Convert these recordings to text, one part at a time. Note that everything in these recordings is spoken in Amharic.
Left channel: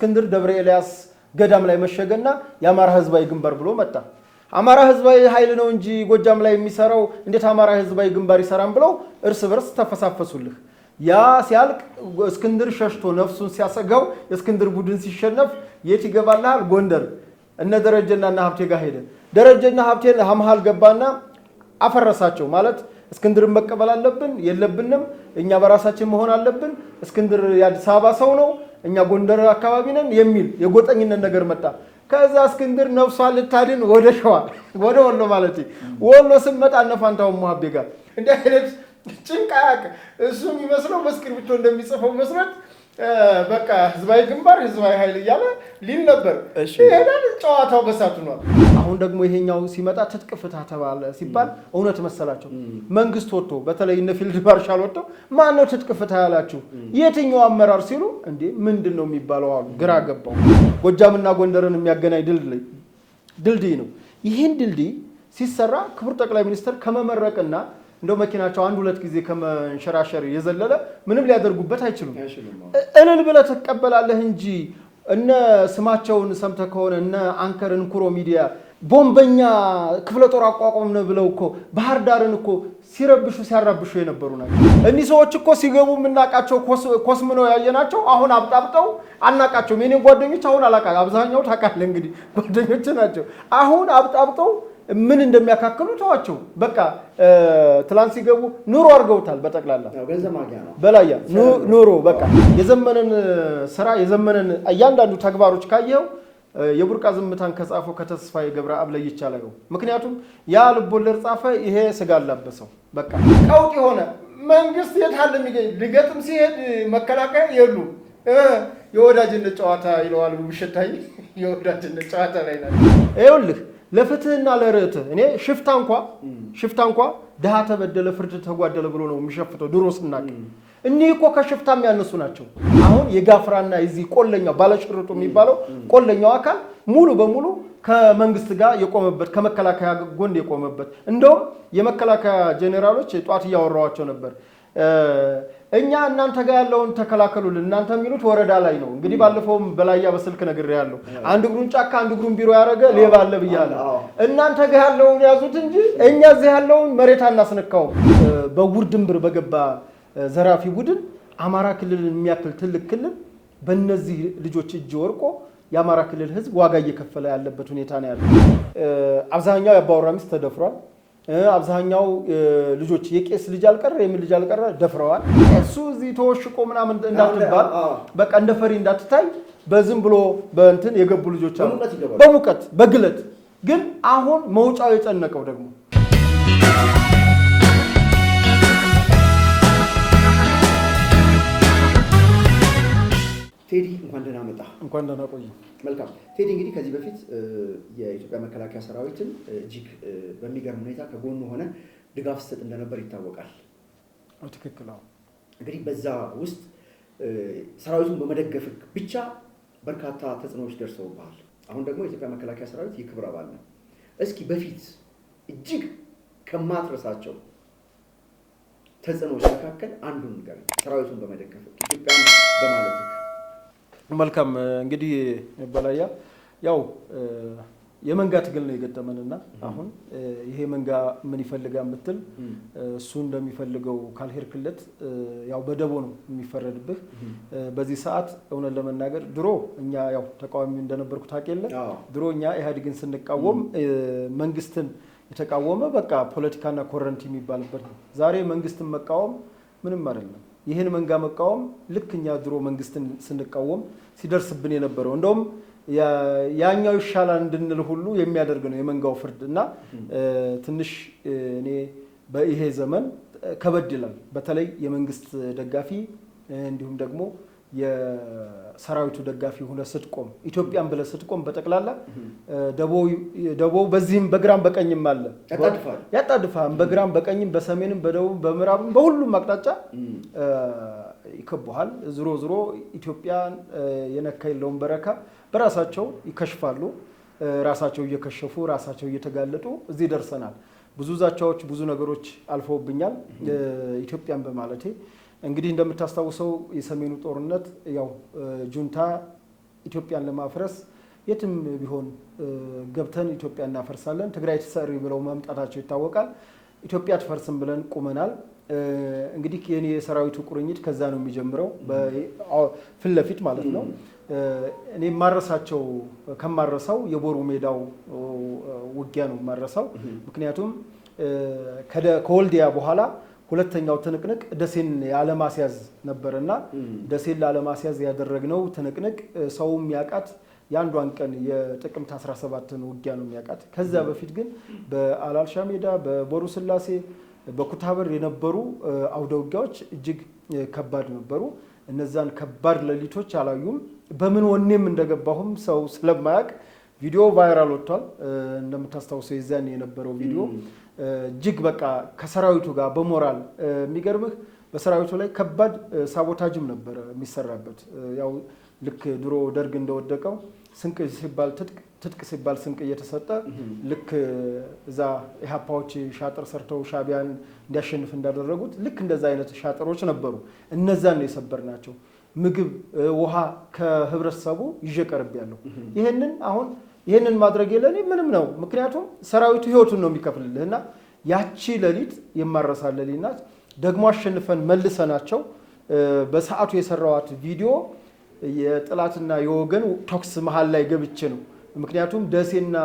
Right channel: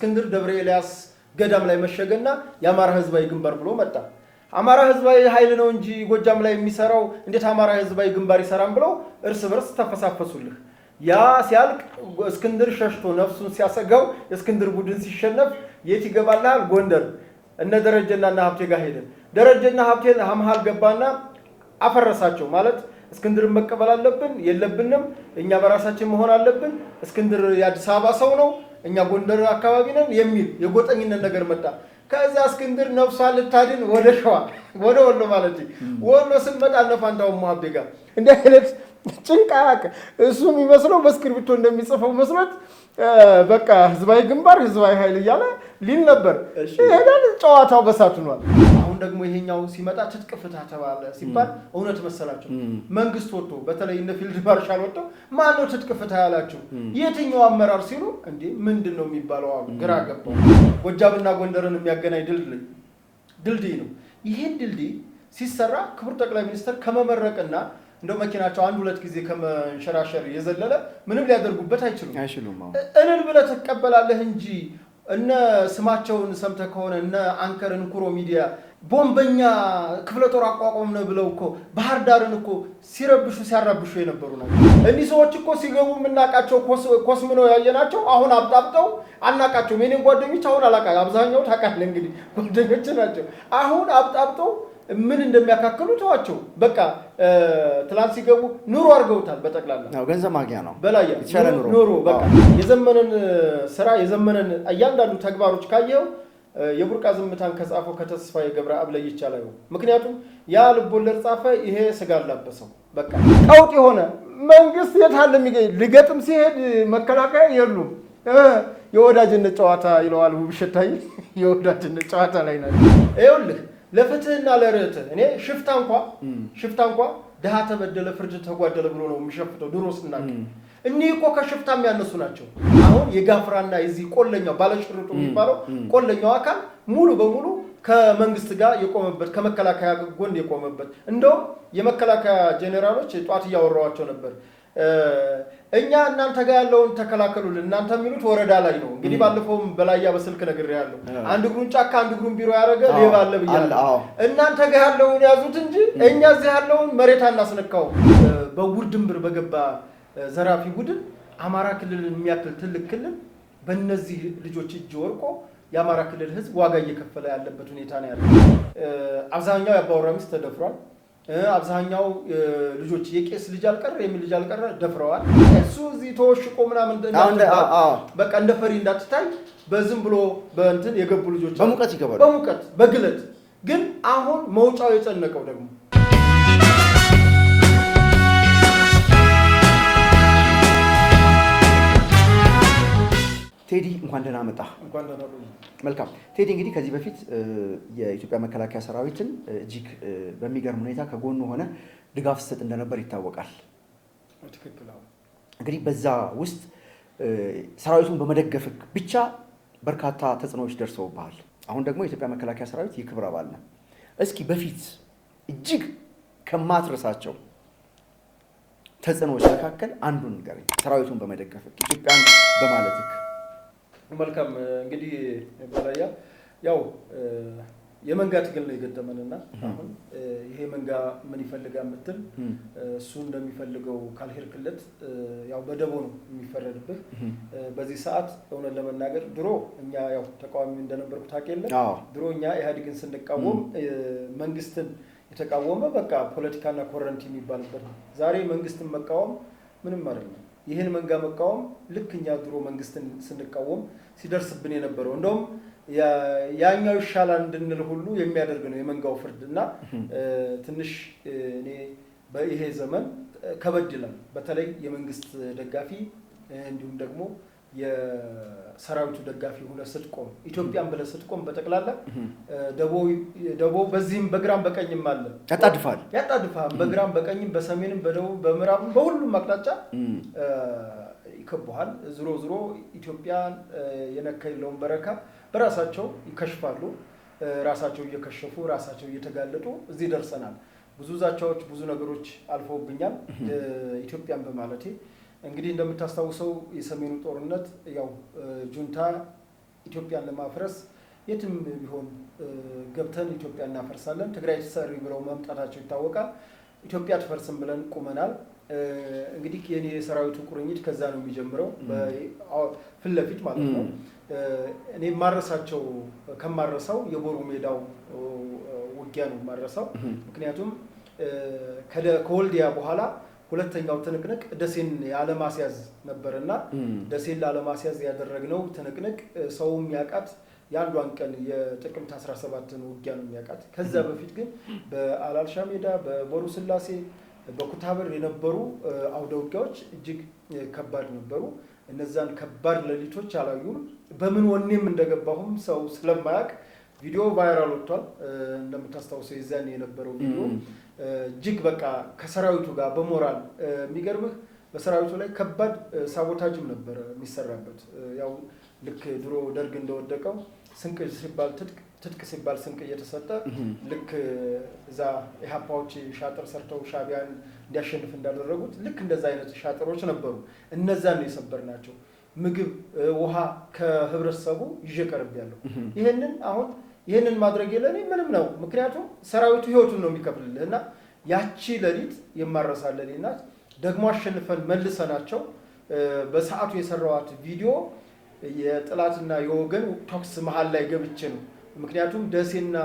እስክንድር ደብረ ኤልያስ ገዳም ላይ መሸገና የአማራ ህዝባዊ ግንባር ብሎ መጣ። አማራ ህዝባዊ ኃይል ነው እንጂ ጎጃም ላይ የሚሰራው እንዴት አማራ ህዝባዊ ግንባር ይሰራም ብለው እርስ በርስ ተፈሳፈሱልህ። ያ ሲያልቅ እስክንድር ሸሽቶ ነፍሱን ሲያሰጋው እስክንድር ቡድን ሲሸነፍ የት ይገባልሃል? ጎንደር እነ ደረጀና ሀብቴ ጋር ሄደ። ደረጀና ሀብቴን መሃል ገባና አፈረሳቸው። ማለት እስክንድርን መቀበል አለብን የለብንም፣ እኛ በራሳችን መሆን አለብን፣ እስክንድር የአዲስ አበባ ሰው ነው፣ እኛ ጎንደር አካባቢ ነን የሚል የጎጠኝነት ነገር መጣ። ከዛ እስክንድር ነፍሷን ልታድን ወደ ሸዋ ወደ ወሎ ማለት ወሎ ስንመጣ እነ ፋንታሁን ሙሀቤ ጋር እንደ አይነት ጭንቃቅ እሱ የሚመስለው በእስክሪብቶ እንደሚጽፈው መስራት በቃ ህዝባዊ ግንባር ህዝባዊ ኃይል እያለ ሊል ነበር። ይሄዳል ጨዋታው በሳቱ ነው። አሁን ደግሞ ይሄኛው ሲመጣ ትጥቅ ፍታ ተባለ ሲባል እውነት መሰላቸው። መንግስት ወጥቶ በተለይ እነ ፊልድ ማርሻል ወጥቶ ማን ነው ትጥቅ ፍታ ያላችሁ የትኛው አመራር ሲሉ እንዴ ምንድነው የሚባለው አሉ። ግራ ገባው። ጎጃምና ጎንደርን የሚያገናኝ ድልድይ ነው። ይሄን ድልድይ ሲሰራ ክቡር ጠቅላይ ሚኒስትር ከመመረቅና እንደው መኪናቸው አንድ ሁለት ጊዜ ከመንሸራሸር የዘለለ ምንም ሊያደርጉበት አይችሉም። እልል ብለህ ትቀበላለህ እንጂ እነ ስማቸውን ሰምተህ ከሆነ እነ አንከር እንኩሮ ሚዲያ ቦምበኛ ክፍለ ጦር አቋቋምን ብለው እኮ ባህር ዳርን እኮ ሲያራብሹ የነበሩ ናቸው። እኒህ ሰዎች እኮ ሲገቡ የምናውቃቸው ኮስምነው ያየናቸው አሁን አብጣብጠው አናውቃቸውም። የኔን ጓደኞች አሁን አላውቃቸውም። አብዛኛው ታውቃለህ እንግዲህ ጓደኞች ናቸው። አሁን አብጣብጠው ምን እንደሚያካክሉ ተዋቸው። በቃ ትላንት ሲገቡ ኑሮ አድርገውታል። በጠቅላላ ገንዘብ ማግኛ ነው በላያ ኑሮ በቃ የዘመነን ስራ የዘመነን እያንዳንዱ ተግባሮች ካየው የቡርቃ ዝምታን ከጻፈው ከተስፋዬ ገብረአብ ላይ ይቻላል። ምክንያቱም ያ ልቦለድ ጻፈ፣ ይሄ ስጋ አላበሰው። በቃ ቀውጥ የሆነ መንግስት የታለ ሊገጥም ሲሄድ መከላከያ የሉም። የወዳጅነት ጨዋታ ይለዋል ውብሸታይ። የወዳጅነት ጨዋታ ላይ ነው። ይኸውልህ ለፍትህና ለርትህ እኔ ሽፍታ እንኳ ድሃ ተበደለ ፍርድ ተጓደለ ብሎ ነው የሚሸፍተው። ድሮ ስናቅ እኒህ እኮ ከሽፍታ የሚያነሱ ናቸው። አሁን የጋፍራና የዚህ ቆለኛው ባለሽርጡ የሚባለው ቆለኛው አካል ሙሉ በሙሉ ከመንግስት ጋር የቆመበት ከመከላከያ ጎን የቆመበት እንደውም የመከላከያ ጄኔራሎች ጧት እያወራዋቸው ነበር። እኛ እናንተ ጋር ያለውን ተከላከሉልን፣ እናንተ የሚሉት ወረዳ ላይ ነው። እንግዲህ ባለፈውም በላያ በስልክ ነግሬያለሁ። አንድ እግሩን ጫካ አንድ እግሩን ቢሮ ያደረገ ሌባ አለ ብያለሁ። እናንተ ጋር ያለውን ያዙት እንጂ እኛ እዚህ ያለውን መሬት አናስነካው። በውርድምብር በገባ ዘራፊ ቡድን አማራ ክልልን የሚያክል ትልቅ ክልል በእነዚህ ልጆች እጅ ወርቆ የአማራ ክልል ህዝብ ዋጋ እየከፈለ ያለበት ሁኔታ ነው ያለው። አብዛኛው የአባወራ ሚስት ተደፍሯል። አብዛኛው ልጆች የቄስ ልጅ አልቀረ የምን ልጅ አልቀረ ደፍረዋል። እሱ እዚህ ተወሽቆ ምናምን እንዳትባል በቃ እንደ ፈሪ እንዳትታይ በዝም ብሎ በእንትን የገቡ ልጆች በሙቀት በግለት ግን አሁን መውጫው የጨነቀው ደግሞ ቴዲ እንኳን ደህና መጣ። እንኳን ደህና ቆይ። መልካም ቴዲ፣ እንግዲህ ከዚህ በፊት የኢትዮጵያ መከላከያ ሰራዊትን እጅግ በሚገርም ሁኔታ ከጎኑ ሆነ ድጋፍ ስትሰጥ እንደነበር ይታወቃል። ትክክል ነው። እንግዲህ በዛ ውስጥ ሰራዊቱን በመደገፍ ብቻ በርካታ ተጽዕኖዎች ደርሰውብሃል። አሁን ደግሞ የኢትዮጵያ መከላከያ ሰራዊት የክብር አባል ነው። እስኪ በፊት እጅግ ከማትረሳቸው ተጽዕኖዎች መካከል አንዱን ንገረኝ። ሰራዊቱን በመደገፍ ኢትዮጵያን በማለት መልካም እንግዲህ በላያ ያው የመንጋ ትግል ነው የገጠመንና አሁን ይሄ መንጋ ምን ይፈልጋል የምትል እሱ እንደሚፈልገው ካልሄድክለት ያው በደቦ ነው የሚፈረድብህ። በዚህ ሰዓት እውነት ለመናገር ድሮ እኛ ያው ተቃዋሚ እንደነበርኩ ታውቂያለ። ድሮ እኛ ኢህአዴግን ስንቃወም መንግስትን የተቃወመ በቃ ፖለቲካና ኮረንቲ የሚባልበት ነው። ዛሬ መንግስትን መቃወም ምንም አይደለም። ይህን መንጋ መቃወም ልክ እኛ ድሮ መንግስትን ስንቃወም ሲደርስብን የነበረው እንደውም ያኛው ይሻላል እንድንል ሁሉ የሚያደርግ ነው የመንጋው ፍርድ እና ትንሽ እኔ በይሄ ዘመን ከበድ ይላል። በተለይ የመንግስት ደጋፊ እንዲሁም ደግሞ የሰራዊቱ ደጋፊ ሆነ ስትቆም ኢትዮጵያን ብለ ስትቆም በጠቅላላ ደቦ በዚህም በግራም በቀኝም አለ ያጣድፋል። በግራም በቀኝም በሰሜንም በደቡብ በምዕራብም በሁሉም አቅጣጫ ይከበዋል። ዝሮ ኢትዮጵያን የነካ የለውም በረካ በራሳቸው ይከሽፋሉ። ራሳቸው እየከሸፉ ራሳቸው እየተጋለጡ እዚህ ደርሰናል። ብዙ ዛቻዎች ብዙ ነገሮች አልፈውብኛል ኢትዮጵያን በማለቴ። እንግዲህ እንደምታስታውሰው የሰሜኑ ጦርነት ያው ጁንታ ኢትዮጵያን ለማፍረስ የትም ቢሆን ገብተን ኢትዮጵያ እናፈርሳለን፣ ትግራይ ትሰሪ ብለው መምጣታቸው ይታወቃል። ኢትዮጵያ ትፈርስም ብለን ቁመናል። እንግዲህ የኔ የሰራዊቱ ቁርኝት ከዛ ነው የሚጀምረው፣ ፊት ለፊት ማለት ነው። እኔ ማረሳቸው ከማረሳው የቦሩ ሜዳው ውጊያ ነው ማረሳው። ምክንያቱም ከወልዲያ በኋላ ሁለተኛው ትንቅንቅ ደሴን ያለማስያዝ ነበርና ደሴን ላለማስያዝ ያደረግነው ትንቅንቅ ሰውም ያቃት የአንዷን ቀን የጥቅምት 17ን ውጊያ ነው የሚያውቃት። ከዛ በፊት ግን በአላልሻ ሜዳ፣ በቦሩ ስላሴ፣ በኩታበር የነበሩ አውደ ውጊያዎች እጅግ ከባድ ነበሩ። እነዛን ከባድ ሌሊቶች አላዩም። በምን ወኔም እንደገባሁም ሰው ስለማያውቅ ቪዲዮ ቫይራል ወጥቷል። እንደምታስታውሰው የዛን የነበረው ቪዲዮ እጅግ በቃ ከሰራዊቱ ጋር በሞራል የሚገርምህ በሰራዊቱ ላይ ከባድ ሳቦታጅም ነበረ የሚሰራበት። ያው ልክ ድሮ ደርግ እንደወደቀው ስንቅ ሲባል ትጥቅ ሲባል ስንቅ እየተሰጠ ልክ እዛ ኢህአፓዎች ሻጥር ሰርተው ሻቢያን እንዲያሸንፍ እንዳደረጉት ልክ እንደዛ አይነት ሻጥሮች ነበሩ። እነዛን ነው የሰበርናቸው። ምግብ፣ ውሃ ከህብረተሰቡ ይዤ ቀርቤያለሁ። ይሄንን ማድረግ የለኔ ምንም ነው። ምክንያቱም ሰራዊቱ ህይወቱን ነው የሚከፍልልህ እና ያቺ ሌሊት የማረሳ ሌሊት ናት። ደግሞ አሸንፈን መልሰናቸው በሰዓቱ የሰራዋት ቪዲዮ የጥላትና የወገን ቶክስ መሃል ላይ ገብቼ ነው። ምክንያቱም ደሴና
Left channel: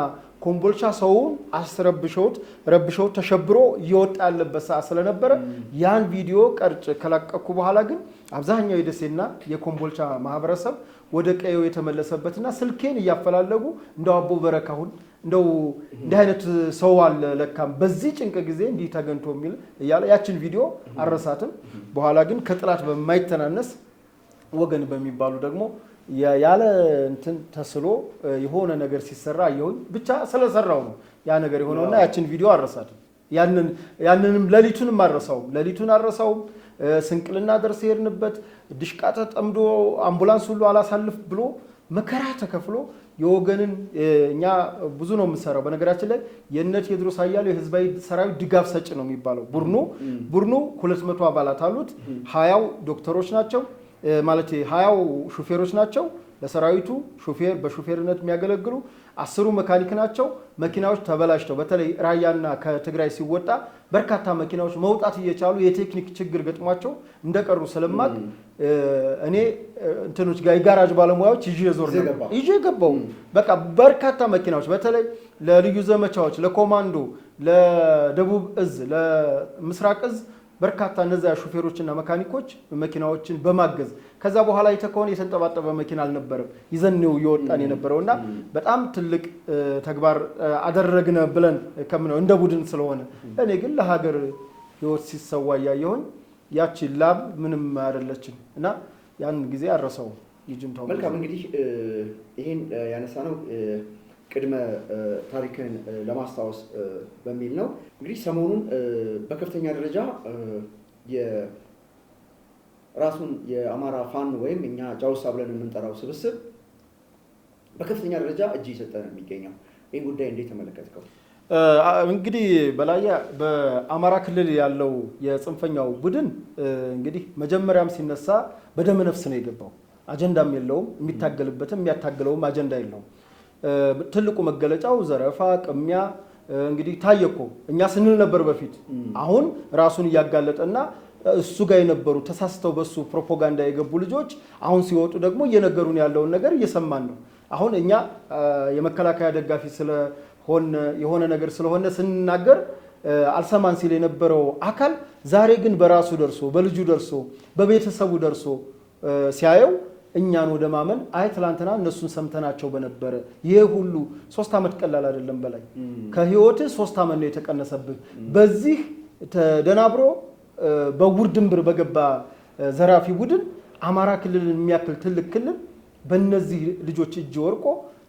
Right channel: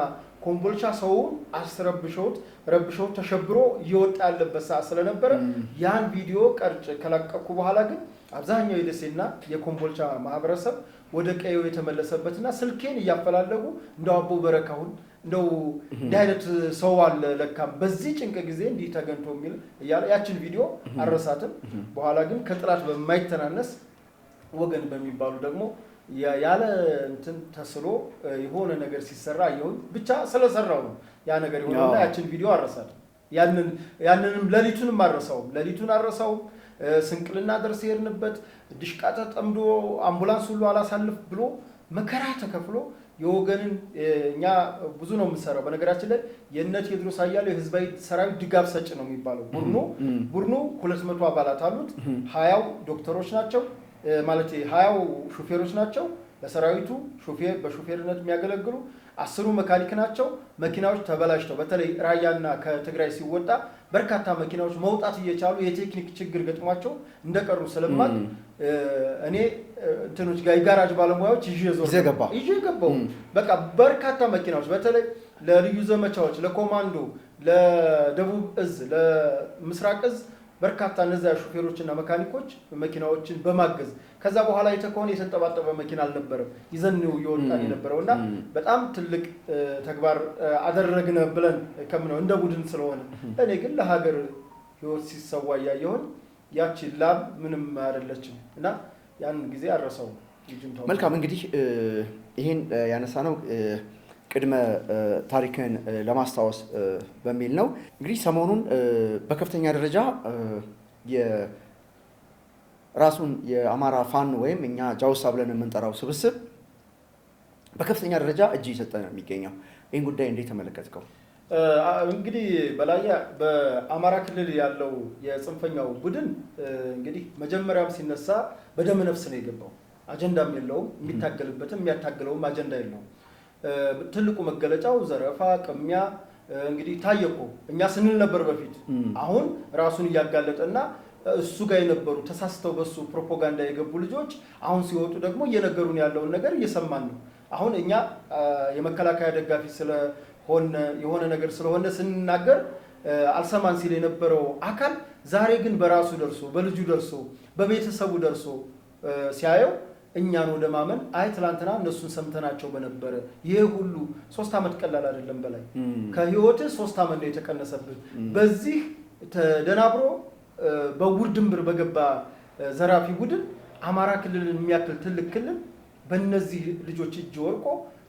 ኮምቦልቻ ሰውን ረብሸውት ተሸብሮ እየወጣ ያለበት ሰዓት ስለነበረ ያን ቪዲዮ ቀርጬ ከለቀኩ በኋላ ግን አብዛኛው የደሴና የኮምቦልቻ ማህበረሰብ ወደ ቀየው የተመለሰበትና ስልኬን እያፈላለጉ እንደው አቦ በረካሁን እንደው እንዲህ አይነት ሰው አለ ለካም በዚህ ጭንቅ ጊዜ እንዲህ ተገንቶ የሚል እያለ ያችን ቪዲዮ አረሳትም። በኋላ ግን ከጥላት በማይተናነስ ወገን በሚባሉ ደግሞ ያለ እንትን ተስሎ የሆነ ነገር ሲሰራ ይሁን ብቻ ስለሰራው ነው ያ ነገር የሆነውና ያችን ቪዲዮ አረሳትም። ያንንም ሌሊቱን አረሳው። ስንቅልና ደርስ የሄድንበት ድሽቃ ተጠምዶ አምቡላንስ ሁሉ አላሳልፍ ብሎ መከራ ተከፍሎ የወገንን እኛ ብዙ ነው የምንሰራው። በነገራችን ላይ የነ ቴዎድሮስ አያሌው የህዝባዊ ሰራዊት ድጋፍ ሰጭ ነው የሚባለው ቡድኑ 200 አባላት አሉት። 20 ዶክተሮች ናቸው ማለት 20 ሹፌሮች ናቸው ለሰራዊቱ በሹፌርነት የሚያገለግሉ 10 መካኒክ ናቸው። መኪናዎች ተበላሽተው በተለይ ራያና ከትግራይ ሲወጣ በርካታ መኪናዎች መውጣት እየቻሉ የቴክኒክ ችግር ገጥሟቸው እንደቀሩ ስለማቅ እኔ እንትኖች ጋር የጋራጅ ባለሙያዎች ይዤ ገባው። በቃ በርካታ መኪናዎች በተለይ ለልዩ ዘመቻዎች፣ ለኮማንዶ፣ ለደቡብ እዝ፣ ለምስራቅ እዝ በርካታ እነዚያ ሹፌሮችና መካኒኮች መኪናዎችን በማገዝ ከዛ በኋላ የተከሆነ የተንጠባጠበ መኪና አልነበረም ይዘንው ይወጣን የነበረውና በጣም ትልቅ ተግባር አደረግነ ብለን ከምነው እንደ ቡድን ስለሆነ እኔ ግን ለሀገር ህይወት ሲሰዋ ያየሁን ያቺ ላብ ምንም አይደለችም እና ያን ጊዜ አረሳው ልጅንታው። መልካም እንግዲህ ይሄን ያነሳነው ቅድመ ታሪክን ለማስታወስ በሚል ነው። እንግዲህ ሰሞኑን በከፍተኛ ደረጃ ራሱን የአማራ ፋኖ ወይም እኛ ጃውሳ ብለን የምንጠራው ስብስብ በከፍተኛ ደረጃ እጅ እየሰጠ ነው የሚገኘው። ይህን ጉዳይ እንዴት ተመለከትከው? እንግዲህ በላያ በአማራ ክልል ያለው የጽንፈኛው ቡድን እንግዲህ መጀመሪያም ሲነሳ በደመ ነፍስ ነው የገባው። አጀንዳም የለውም፣ የሚታገልበትም የሚያታግለውም አጀንዳ የለውም። ትልቁ መገለጫው ዘረፋ፣ ቅሚያ እንግዲህ ታየኮ እኛ ስንል ነበር በፊት። አሁን ራሱን እያጋለጠና እሱ ጋር የነበሩ ተሳስተው በሱ ፕሮፓጋንዳ የገቡ ልጆች አሁን ሲወጡ ደግሞ እየነገሩን ያለውን ነገር እየሰማን ነው። አሁን እኛ የመከላከያ ደጋፊ ስለሆነ የሆነ ነገር ስለሆነ ስንናገር አልሰማን ሲል የነበረው አካል ዛሬ ግን በራሱ ደርሶ በልጁ ደርሶ በቤተሰቡ ደርሶ ሲያየው እኛን ወደ ማመን አይ ትላንትና እነሱን ሰምተናቸው በነበረ ይሄ ሁሉ 3 ዓመት ቀላል አይደለም። በላይ ከህይወት 3 ዓመት ነው የተቀነሰብህ። በዚህ ተደናብሮ በውርድምብር በገባ ዘራፊ ቡድን አማራ ክልልን የሚያክል ትልቅ ክልል በእነዚህ ልጆች እጅ ወርቆ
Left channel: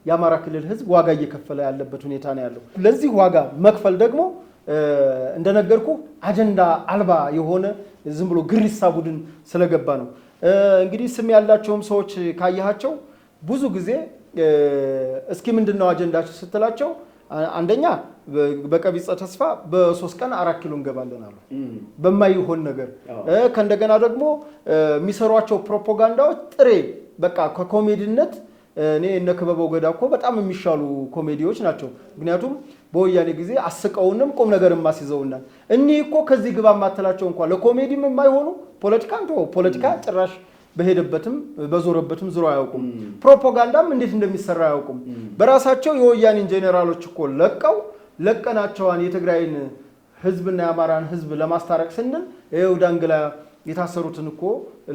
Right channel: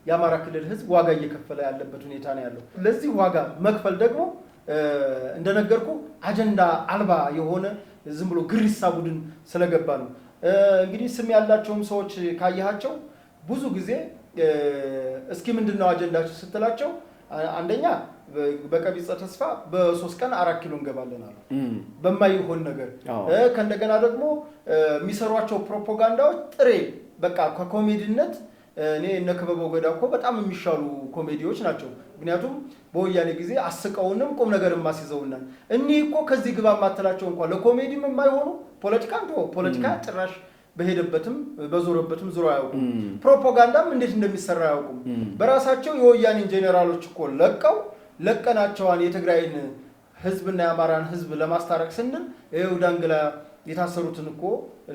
የአማራ ክልል ህዝብ ዋጋ እየከፈለ ያለበት ሁኔታ ነው ያለው። ለዚህ ዋጋ መክፈል ደግሞ እንደነገርኩ አጀንዳ አልባ የሆነ ዝም ብሎ ግሪሳ ቡድን ስለገባ ነው። እንግዲህ ስም ያላቸውም ሰዎች ካያቸው ብዙ ጊዜ እስኪ ምንድነው አጀንዳቸው ስትላቸው አንደኛ በቀቢጸ ተስፋ በ3 ቀን 4 ኪሎ እንገባለን አሉ በማይሆን ነገር። ከእንደገና ደግሞ የሚሰሯቸው ፕሮፓጋንዳዎች ጥሬ በቃ ከኮሜዲነት እኔ እነ ክበበው ገዳ እኮ በጣም የሚሻሉ ኮሜዲዎች ናቸው። ምክንያቱም በወያኔ ጊዜ አስቀውንም ቁም ነገርም ማስይዘውናል። እኒህ እኮ ከዚህ ግባ ማተላቸው እንኳን ለኮሜዲም የማይሆኑ ፖለቲካ ጭራሽ በሄደበትም በዞረበትም ዙሮ አያውቁም። ፕሮፓጋንዳም እንዴት እንደሚሰራ አያውቁም። በራሳቸው የወያኔን ጄኔራሎች እኮ ለቀናቸዋን የትግራይን ህዝብና የአማራን ህዝብ ለማስታረቅ ስንል ይኸው ዳንግላ የታሰሩትን እኮ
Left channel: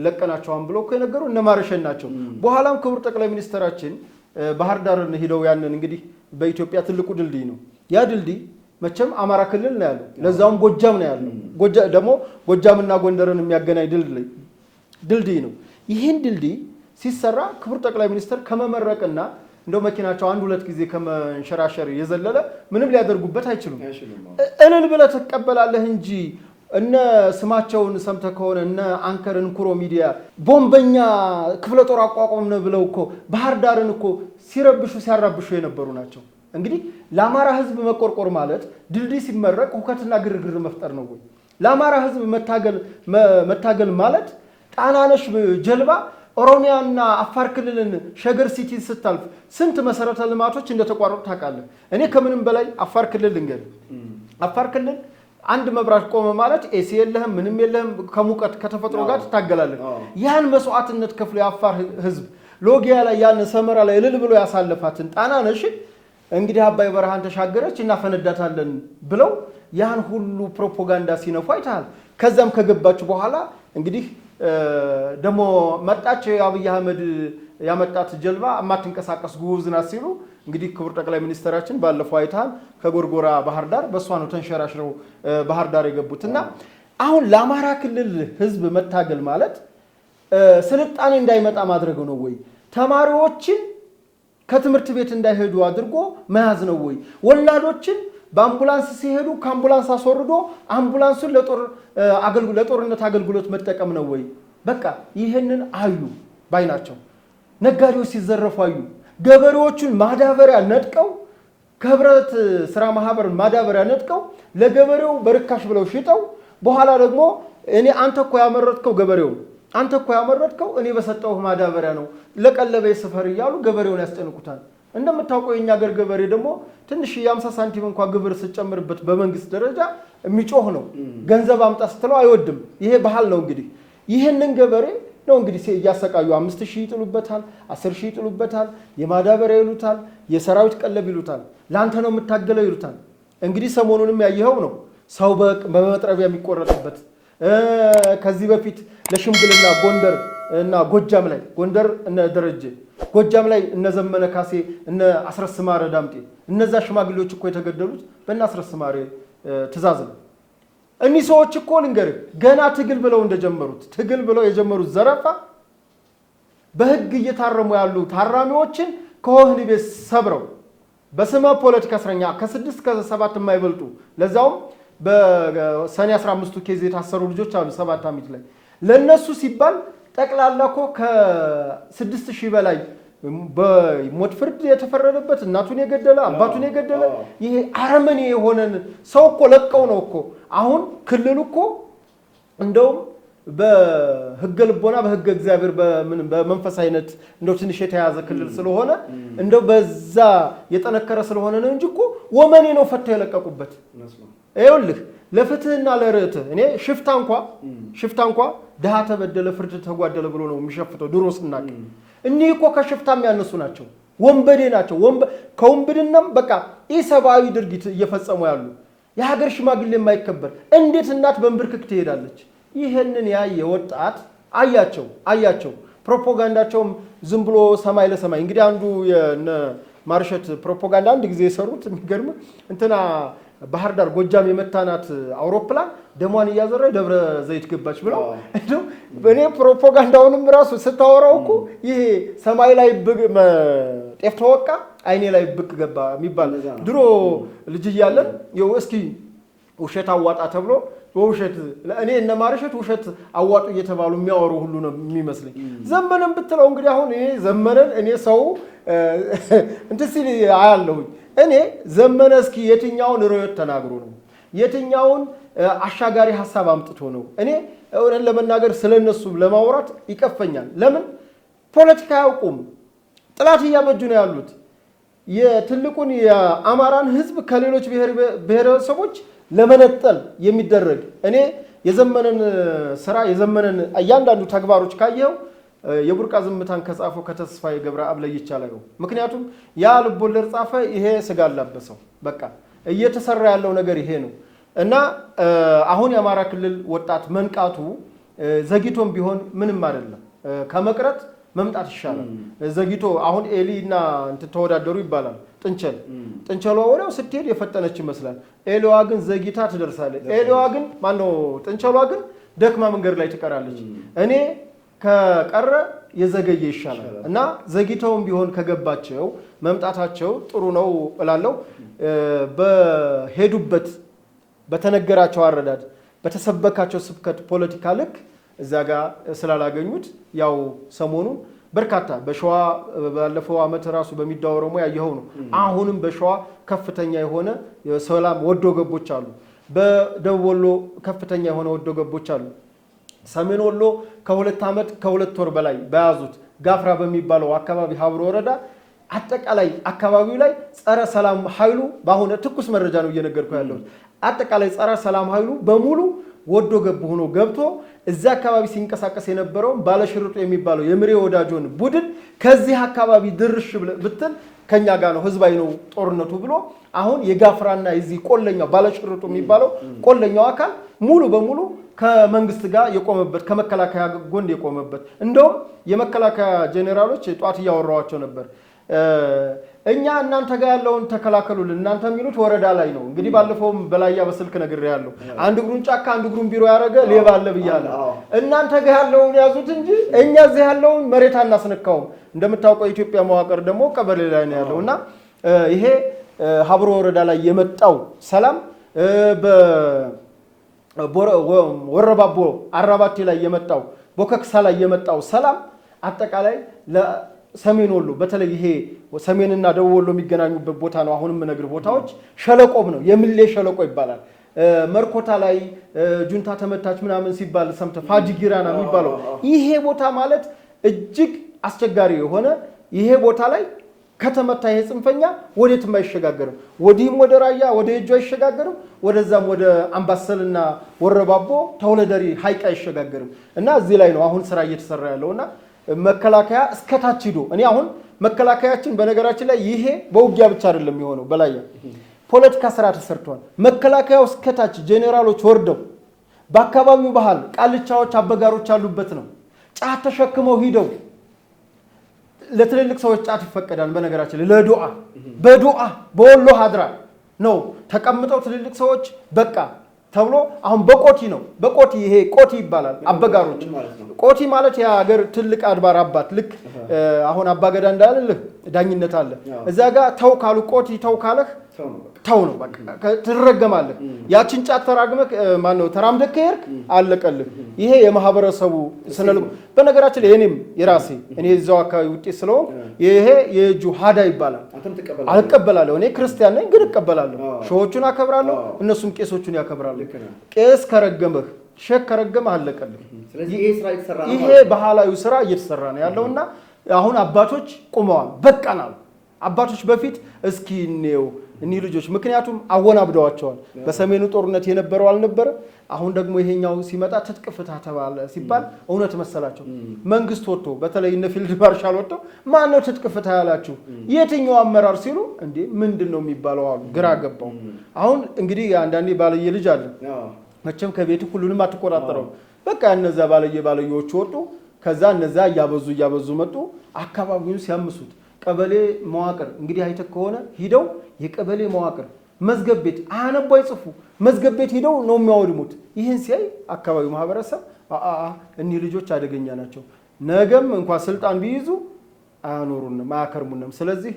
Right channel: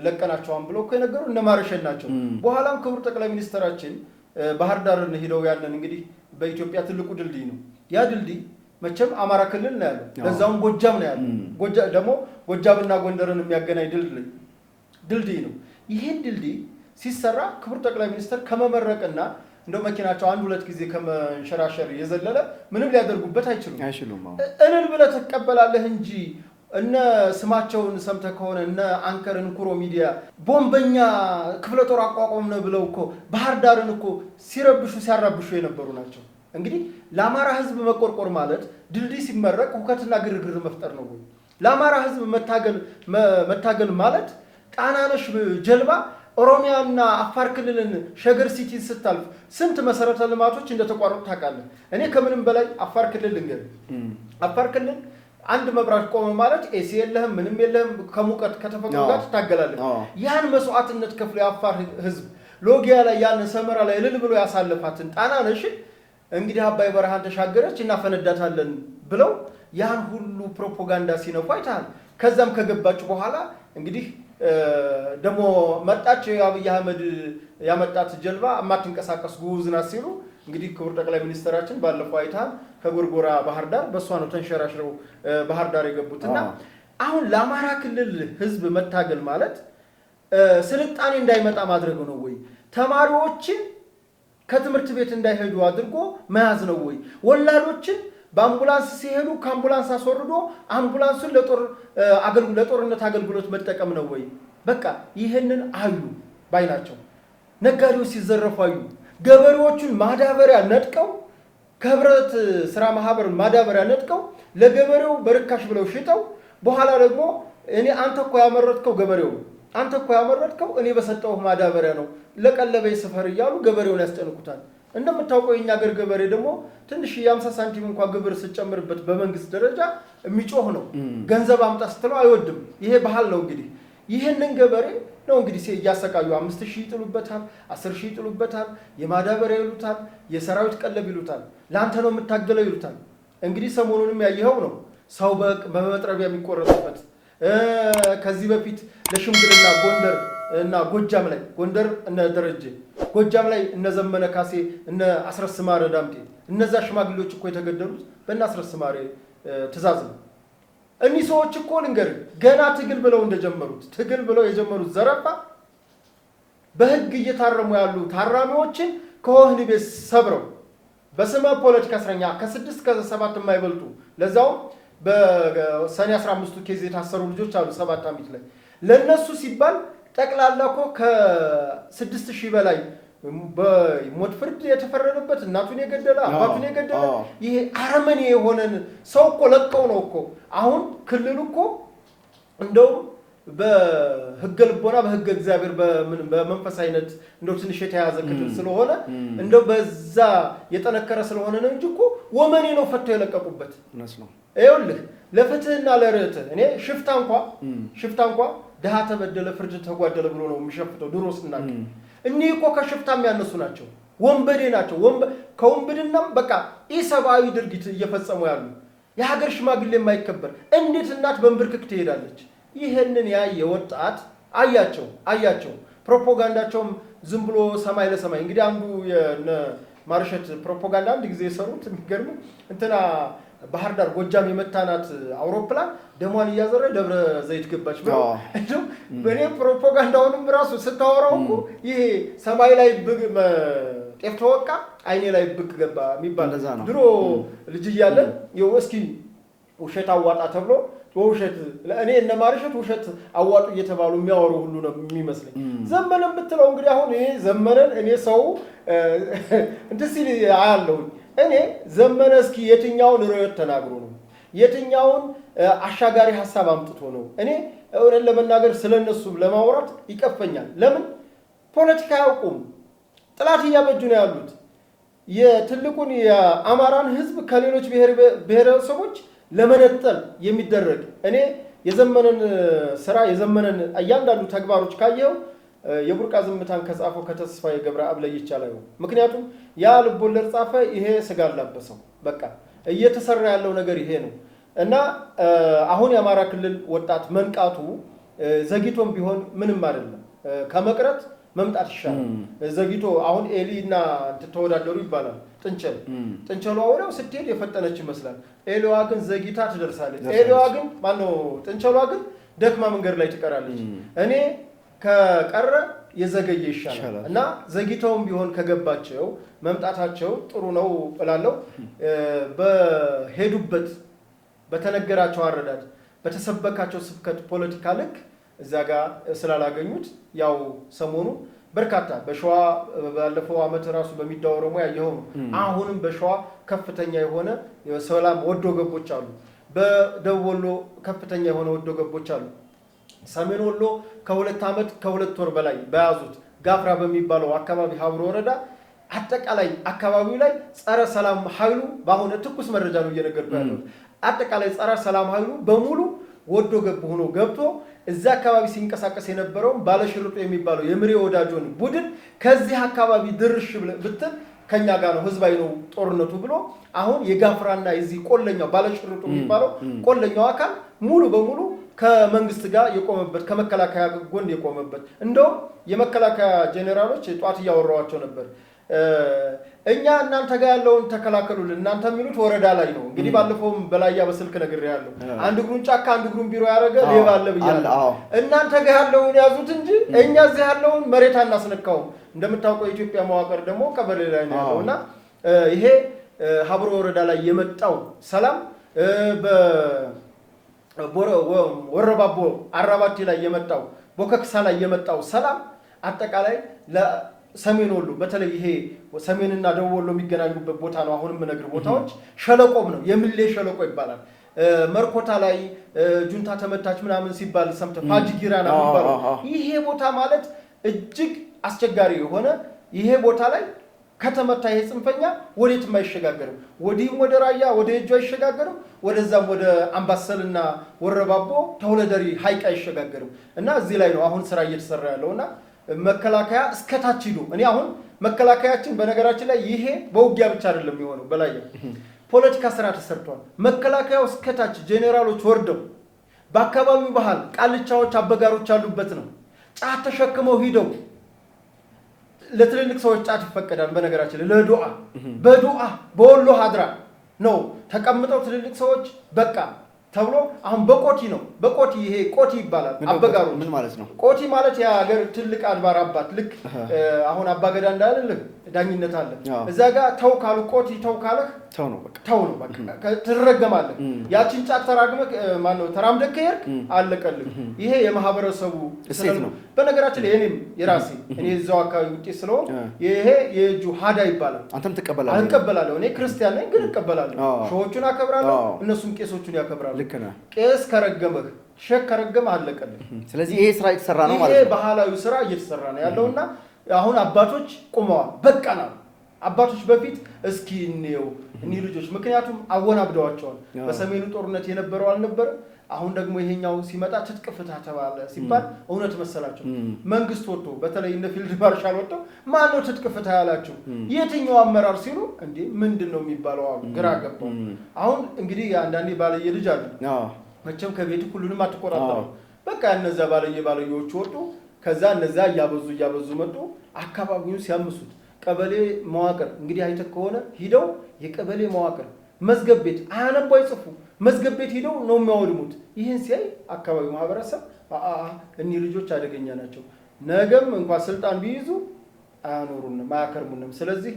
ለቀናቸዋን ብለው እኮ የነገሩ እነ ማርሸን ናቸው። በኋላም ክቡር ጠቅላይ ሚኒስትራችን ባህር ዳርን ሄደው ያንን እንግዲህ በኢትዮጵያ ትልቁ ድልድይ ነው። ያ ድልድይ መቼም አማራ ክልል ነው ያለው፣ ለዛውም ጎጃም ነው ያለው። ደግሞ ጎጃምና ጎንደርን የሚያገናኝ ድልድይ ነው። ይህን ድልድይ ሲሰራ ክቡር ጠቅላይ ሚኒስትር ከመመረቅና እንደው መኪናቸው አንድ ሁለት ጊዜ ከመንሸራሸር የዘለለ ምንም ሊያደርጉበት አይችሉም። እልል ብለህ ትቀበላለህ እንጂ እነ ስማቸውን ሰምተህ ከሆነ እነ አንከር እንኩሮ ሚዲያ ቦምበኛ ክፍለ ጦር አቋቋምን ብለው እኮ ባህር ዳርን እኮ ሲያራብሹ የነበሩ ናቸው። እንግዲህ ለአማራ ህዝብ መቆርቆር ማለት ድልድይ ሲመረቅ ሁከትና ግርግር መፍጠር ነው። ለአማራ ህዝብ መታገል ማለት ጣናነሽ ጀልባ ኦሮሚያና አፋር ክልልን ሸገር ሲቲ ስታልፍ ስንት መሰረተ ልማቶች እንደተቋረጡ ታውቃለህ። እኔ ከምንም በላይ አፋር ክልል አፋር ክልል አንድ መብራት ቆመ ማለት ኤሲ የለህም ምንም የለህም፣ ከሙቀት ከተፈጥሮ ጋር ትታገላለህ። ያን መስዋዕትነት ከፍሎ የአፋር ህዝብ ሎጊያ ላይ ያን ሰመራ ላይ እልል ብሎ ያሳለፋትን ጣናነሽን እንግዲህ አባይ በረሃን ተሻገረች እናፈነዳታለን ብለው ያን ሁሉ ፕሮፓጋንዳ ሲነፉ አይተሃል። ከዛም ከገባች በኋላ እንግዲህ ደግሞ መጣች የአብይ አህመድ ያመጣት ጀልባ አማትንቀሳቀስ ጉዝ ናት ሲሉ እንግዲህ ክቡር ጠቅላይ ሚኒስትራችን ባለፈው አይተሃል ከጎርጎራ ባህር ዳር በሷ ነው ተንሸራሽረው ባህር ዳር የገቡትና አሁን ለአማራ ክልል ህዝብ መታገል ማለት ስልጣኔ እንዳይመጣ ማድረግ ነው ወይ? ተማሪዎችን ከትምህርት ቤት እንዳይሄዱ አድርጎ መያዝ ነው ወይ? ወላዶችን በአምቡላንስ ሲሄዱ ከአምቡላንስ አስወርዶ አምቡላንሱን ለጦርነት አገልግሎት መጠቀም ነው ወይ? በቃ ይህንን አዩ ባይናቸው። ነጋዴዎች ሲዘረፉ አዩ። ገበሬዎቹን ማዳበሪያ ነጥቀው ከህብረት ስራ ማህበር ማዳበሪያ ነጥቀው ለገበሬው በርካሽ ብለው ሽጠው በኋላ ደግሞ አንተ እኮ ያመረትከው ገበሬው አንተ እኮ ያመረትከው እኔ በሰጠው ማዳበሪያ ነው ለቀለበ ሰፈር እያሉ ገበሬውን ያስጨንቁታል። እንደምታውቀው የኛ ሀገር ገበሬ ደግሞ ትንሽ የ50 ሳንቲም እንኳን ግብር ሲጨምርበት በመንግስት ደረጃ የሚጮህ ነው። ገንዘብ አምጣ ስትለው አይወድም። ይሄ ባህል ነው። እንግዲህ ይሄንን ገበሬ ነው እንግዲህ እያሰቃዩ 5000 ይጥሉበታል፣ 10000 ይጥሉበታል፣ የማዳበሪያ ይሉታል፣ የሰራዊት ቀለብ ይሉታል፣ ላንተ ነው የምታገለው ይሉታል። እንግዲህ ሰሞኑንም ያየኸው ነው ሰው በመጥረቢያ የሚቆረጥበት። ከዚህ በፊት ለሽምግልና ጎንደር እና ጎጃም ላይ ጎንደር እነ ደረጀ ጎጃም ላይ እነ ዘመነ ካሴ እነ አስረስ ማረ ዳምጤ እነዛ ሽማግሌዎች እኮ የተገደሉት በእነ አስረስ ማረ ትእዛዝ ነው። እኒህ ሰዎች እኮ ልንገርህ ገና ትግል ብለው የጀመሩት ዘረፋ በህግ እየታረሙ ያሉ ታራሚዎችን ከወህኒ ቤት ሰብረው በስመ ፖለቲካ እስረኛ ከ6 እስከ 7 የማይበልጡ ለዛውም በሰኔ 15 ኬዝ የታሰሩ ልጆች አሉ 7 ዓመት ላይ ለነሱ ሲባል ጠቅላላ እኮ ከ6000 በላይ በሞት ፍርድ የተፈረደበት እናቱን የገደለ አባቱን የገደለ ይሄ አረመኔ የሆነን ሰው እኮ ለቀው ነው እኮ። አሁን ክልሉ እኮ እንደው በህገ ልቦና በህገ እግዚአብሔር በመንፈሳዊነት እንደው ትንሽ የተያዘ ክልል ስለሆነ እንደው በዛ የጠነከረ ስለሆነ ነው እንጂ እኮ ወመኔ ነው ፈተው የለቀቁበት። ይኸውልህ ለፍትህና ለርትህ እኔ ሽፍታ እንኳ ድሃ ተበደለ ፍርድ ተጓደለ ብሎ ነው የሚሸፍተው ድሮ ስናቅ። እኒህ እኮ ከሽፍታም ያነሱ ናቸው፣ ወንበዴ ናቸው። ከወንበድናም በቃ ኢሰብአዊ ድርጊት እየፈጸሙ ያሉ የሀገር ሽማግሌ የማይከበር እንዴት እናት በእንብርክክ ትሄዳለች? ይህንን ያየ ወጣት አያቸው። ፕሮፓጋንዳቸውም ዝም ብሎ ሰማይ ለሰማይ እንግዲህ አንዱ የነ ማርሸት ፕሮፓጋንዳ አንድ ጊዜ የሰሩት የሚገርም እንትና ባህር ዳር ጎጃም የመታናት አውሮፕላን ደሟን እያዘረ ደብረ ዘይት ገባች ብለው እኔ ፕሮፓጋንዳውንም ራሱ ስታወራው እኮ ይሄ ሰማይ ላይ ጤፍ ተወቃ አይኔ ላይ ብቅ ገባ የሚባል ድሮ ልጅ እያለን እስኪ ውሸት አዋጣ ተብሎ በውሸት እኔ እነ ማርሸት ውሸት አዋጡ እየተባሉ የሚያወሩ ሁሉ ነው የሚመስለኝ። ዘመነን ብትለው እንግዲህ አሁን ይሄ ዘመነን እኔ ሰው እንትን ሲል አያለሁኝ። እኔ ዘመነ እስኪ የትኛውን ርዕዮት ተናግሮ ነው የትኛውን አሻጋሪ ሐሳብ አምጥቶ ነው? እኔ እውነት ለመናገር ስለነሱ ለማውራት ይቀፈኛል። ለምን ፖለቲካ ያውቁም፣ ጥላት እያበጁ ነው ያሉት። የትልቁን የአማራን ህዝብ ከሌሎች ብሔረሰቦች ለመነጠል የሚደረግ እኔ የዘመነን ስራ የዘመነን እያንዳንዱ ተግባሮች ካየው የቡርቃ ዝምታን ከጻፈው ከተስፋዬ ገብረአብ ላይ ይቻላል። ምክንያቱም ያ ልቦለድ ጻፈ፣ ይሄ ስጋ አላበሰው። በቃ እየተሰራ ያለው ነገር ይሄ ነው እና አሁን የአማራ ክልል ወጣት መንቃቱ ዘግይቶም ቢሆን ምንም አይደለም፣ ከመቅረት መምጣት ይሻላል። ዘግይቶ አሁን ኤሊ እና ተወዳደሩ ይባላል። ጥንቸሏ ወዲያው ስትሄድ የፈጠነች ይመስላል። ኤሊዋ ግን ዘግይታ ትደርሳለች። ኤሊዋ ግን ማነው ጥንቸሏ ግን ደክማ መንገድ ላይ ትቀራለች። እኔ ከቀረ የዘገየ ይሻላል እና ዘግይተውም ቢሆን ከገባቸው መምጣታቸው ጥሩ ነው እላለሁ። በሄዱበት በተነገራቸው አረዳድ በተሰበካቸው ስብከት ፖለቲካ ልክ እዛ ጋር ስላላገኙት ያው ሰሞኑ በርካታ በሸዋ ባለፈው ዓመት ራሱ በሚዳወረሙ ያየው ነው። አሁንም በሸዋ ከፍተኛ የሆነ የሰላም ወዶ ገቦች አሉ። በደቡብ ወሎ ከፍተኛ የሆነ ወዶ ገቦች አሉ። ሰሜን ወሎ ከ2 ዓመት ከ2 ወር በላይ በያዙት ጋፍራ በሚባለው አካባቢ ሀብሮ ወረዳ አጠቃላይ አካባቢው ላይ ጸረ ሰላም ኃይሉ ባሁን ትኩስ መረጃ ነው እየነገርኩ ያለው። አጠቃላይ ጸረ ሰላም ኃይሉ በሙሉ ወዶ ገብ ሆኖ ገብቶ እዛ አካባቢ ሲንቀሳቀስ የነበረው ባለሽርጡ የሚባለው የምሬ ወዳጆን ቡድን ከዚህ አካባቢ ድርሽ ብትል ከኛ ጋር ነው ህዝባዊ ነው ጦርነቱ ብሎ አሁን የጋፍራና የዚህ ቆለኛው ባለሽርጡ የሚባለው ቆለኛው አካል ሙሉ በሙሉ ከመንግስት ጋር የቆመበት ከመከላከያ ጎን የቆመበት እንደውም የመከላከያ ጄኔራሎች ጧት ያወራዋቸው ነበር። እኛ እናንተ ጋር ያለውን ተከላከሉልን እናንተ የሚሉት ወረዳ ላይ ነው። እንግዲህ ባለፈውም በላያ በስልክ ነገር ያለው አንድ ግሩን ጫካ አንድ ግሩን ቢሮ ያረገ ሌባ አለ ብያለሁ። እናንተ ጋር ያለውን ያዙት እንጂ እኛ እዚህ ያለውን መሬት አናስነካውም። እንደምታውቀው የኢትዮጵያ መዋቅር ደግሞ ቀበሌ ላይ ነው ያለውና ይሄ ሀብሮ ወረዳ ላይ የመጣው ሰላም ወረባቦ አራባቴ ላይ የመጣው ቦከክሳ ላይ የመጣው ሰላም አጠቃላይ ለሰሜን ወሎ በተለይ ይሄ ሰሜንና ደቡብ ወሎ የሚገናኙበት ቦታ ነው። አሁንም ነገር ቦታዎች ሸለቆም ነው የምሌ ሸለቆ ይባላል። መርኮታ ላይ ጁንታ ተመታች ምናምን ሲባል ሰምተ ፋጂጊራና የሚባለው ይሄ ቦታ ማለት እጅግ አስቸጋሪ የሆነ ይሄ ቦታ ላይ ከተመታ የጽንፈኛ ወዴትም አይሸጋገርም። ወዲህም ወደ ራያ ወደ እጁ አይሸጋገርም፣ ወደዛም ወደ አምባሰልና ወረባቦ ተወለደሪ ሀይቅ አይሸጋገርም። እና እዚህ ላይ ነው አሁን ስራ እየተሰራ ያለውና መከላከያ እስከታች ሂዶ እኔ አሁን መከላከያችን በነገራችን ላይ ይሄ በውጊያ ብቻ አይደለም የሚሆነው በላይ ፖለቲካ ስራ ተሰርቷል። መከላከያው እስከታች ጄኔራሎች ወርደው በአካባቢው ባህል ቃልቻዎች አበጋሮች ያሉበት ነው። ጫት ተሸክመው ሂደው ለትልልቅ ሰዎች ጫት ይፈቀዳል። በነገራችን ላይ ለዱዓ በዱዓ በወሎ ሀድራ ነው ተቀምጠው ትልልቅ ሰዎች በቃ ተብሎ አሁን በቆቲ ነው። በቆቲ ይሄ ቆቲ ይባላል። አበጋሩ ምን ማለት ነው? ቆቲ ማለት የሀገር ትልቅ አድባር አባት ልክ አሁን አባገዳ እንዳለ ዳኝነት አለ። እዛ ጋር ተው ካሉ ቆቲ ተው ካለህ ተው ነው በቃ ትረገማለህ። ያችን ጫት ተራግመህ ማን ነው ተራምደህ ከሄድክ አለቀልህ። ይሄ የማህበረሰቡ ስለሉ በነገራችን ላይ እኔም የራሴ እኔ እዛው አካባቢ ውጤት ስለሆነ ይሄ የጁ ሀዳ ይባላል። አንተም ትቀበላለህ? አልቀበላለሁ። እኔ ክርስቲያን ነኝ ግን እቀበላለሁ። ሾዎቹን አከብራለሁ፣ እነሱም ቄሶቹን ያከብራሉ። ቄስ ከረገመህ ሼክ ከረገመህ አለቀልህ። ስለዚህ ይሄ ስራ እየተሰራ ነው ማለት ነው። ይሄ ባህላዊ ስራ እየተሰራ ነው ያለውና አሁን አባቶች ቆመዋል። በቃናል። አባቶች በፊት እስኪ ነው እኒ ልጆች ምክንያቱም አወናብደዋቸዋል። በሰሜኑ ጦርነት የነበረው አልነበረ። አሁን ደግሞ ይሄኛው ሲመጣ ትጥቅፍታ ተባለ ሲባል እውነት መሰላቸው። መንግስት ወጥቶ በተለይ እነ ፊልድ ማርሻል ወጥቶ ማን ነው ትጥቅፍታ ያላችሁ የትኛው አመራር ሲሉ እንዴ ምንድነው የሚባለው አሉ። ግራ ገባው። አሁን እንግዲህ አንዳንዴ ባለየ ልጅ አለ መቼም ከቤት ሁሉንም አትቆጣጠረው። በቃ እነዛ ባለየዎቹ ወጡ። ከዛ እነዛ እያበዙ መጡ። አካባቢውን ሲያምሱት ቀበሌ መዋቅር እንግዲህ አይተህ ከሆነ ሂደው የቀበሌ መዋቅር መዝገብ ቤት አያነቡ አይጽፉ መዝገብ ቤት ሂደው ነው የሚያወድሙት። ይህን ሲያይ አካባቢው ማህበረሰብ እኒህ ልጆች አደገኛ ናቸው፣ ነገም እንኳን ስልጣን ቢይዙ አያኖሩንም አያከርሙንም። ስለዚህ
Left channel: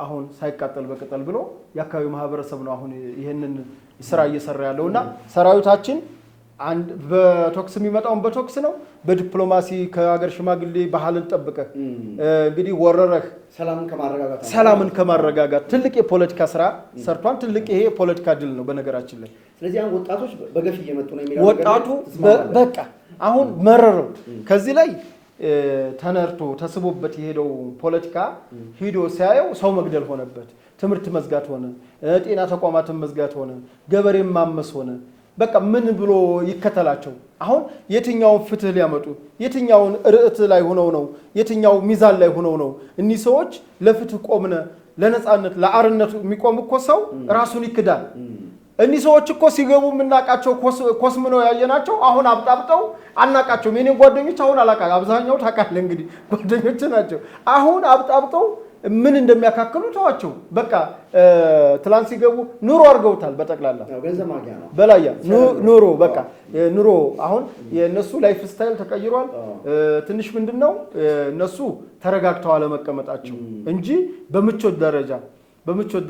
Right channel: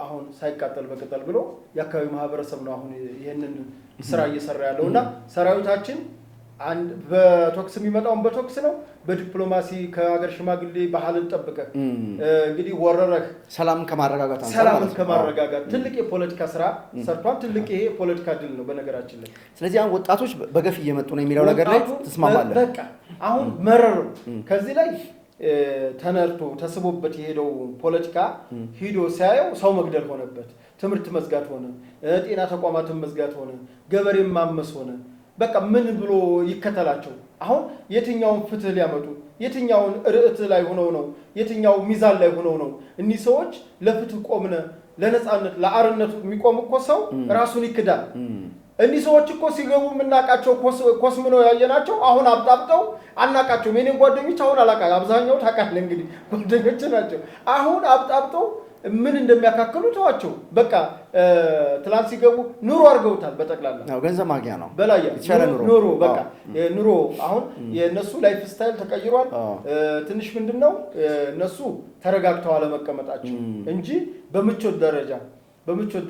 አሁን ሳይቃጠል በቀጠል ብሎ የአካባቢው ማህበረሰብ ነው አሁን ይህንን ስራ እየሰራ ያለውና ሰራዊታችን አንድ በቶክስ የሚመጣውን በቶክስ ነው። በዲፕሎማሲ ከሀገር ሽማግሌ ባህልን ጠብቀህ እንግዲህ ወረረህ ሰላምን ከማረጋጋት ትልቅ የፖለቲካ ስራ ሰርቷል። ትልቅ ይሄ የፖለቲካ ድል ነው በነገራችን ላይ። ስለዚህ አሁን ወጣቶች በገፍ እየመጡ ነው የሚለው ነገር ላይ ተስማማለህ? በቃ አሁን መረረው። ከዚህ ላይ ተነርቶ ተስቦበት የሄደው ፖለቲካ ሂዶ ሲያየው ሰው መግደል ሆነበት፣ ትምህርት መዝጋት ሆነ፣ ጤና ተቋማትን መዝጋት ሆነ፣ ገበሬን ማመስ ሆነ። በቃ ምን ብሎ ይከተላቸው? አሁን የትኛውን ፍትህ ሊያመጡ የትኛውን ርዕት ላይ ሆነው ነው? የትኛው ሚዛን ላይ ሆነው ነው? እኒህ ሰዎች ለፍትህ ቆምነ ለነጻነት ለአርነቱ የሚቆም እኮ ሰው ራሱን ይክዳል። እኒህ ሰዎች እኮ ሲገቡ የምናውቃቸው ኮስምነው ያየናቸው አሁን አብጣብጠው አናውቃቸውም። የኔን ጓደኞች አሁን አላውቃ አብዛኛው ታውቃለህ እንግዲህ ጓደኞች ናቸው። አሁን አብጣብጠው ምን እንደሚያካክሉ ተዋቸው። በቃ ትላንት ሲገቡ ኑሮ አድርገውታል። በጠቅላላ ገንዘብ ማግኛ ነው በላያ ኑሮ በቃ ኑሮ አሁን የነሱ ላይፍ ስታይል ተቀይሯል። ትንሽ ምንድነው እነሱ ተረጋግተው አለመቀመጣቸው እንጂ በምቾት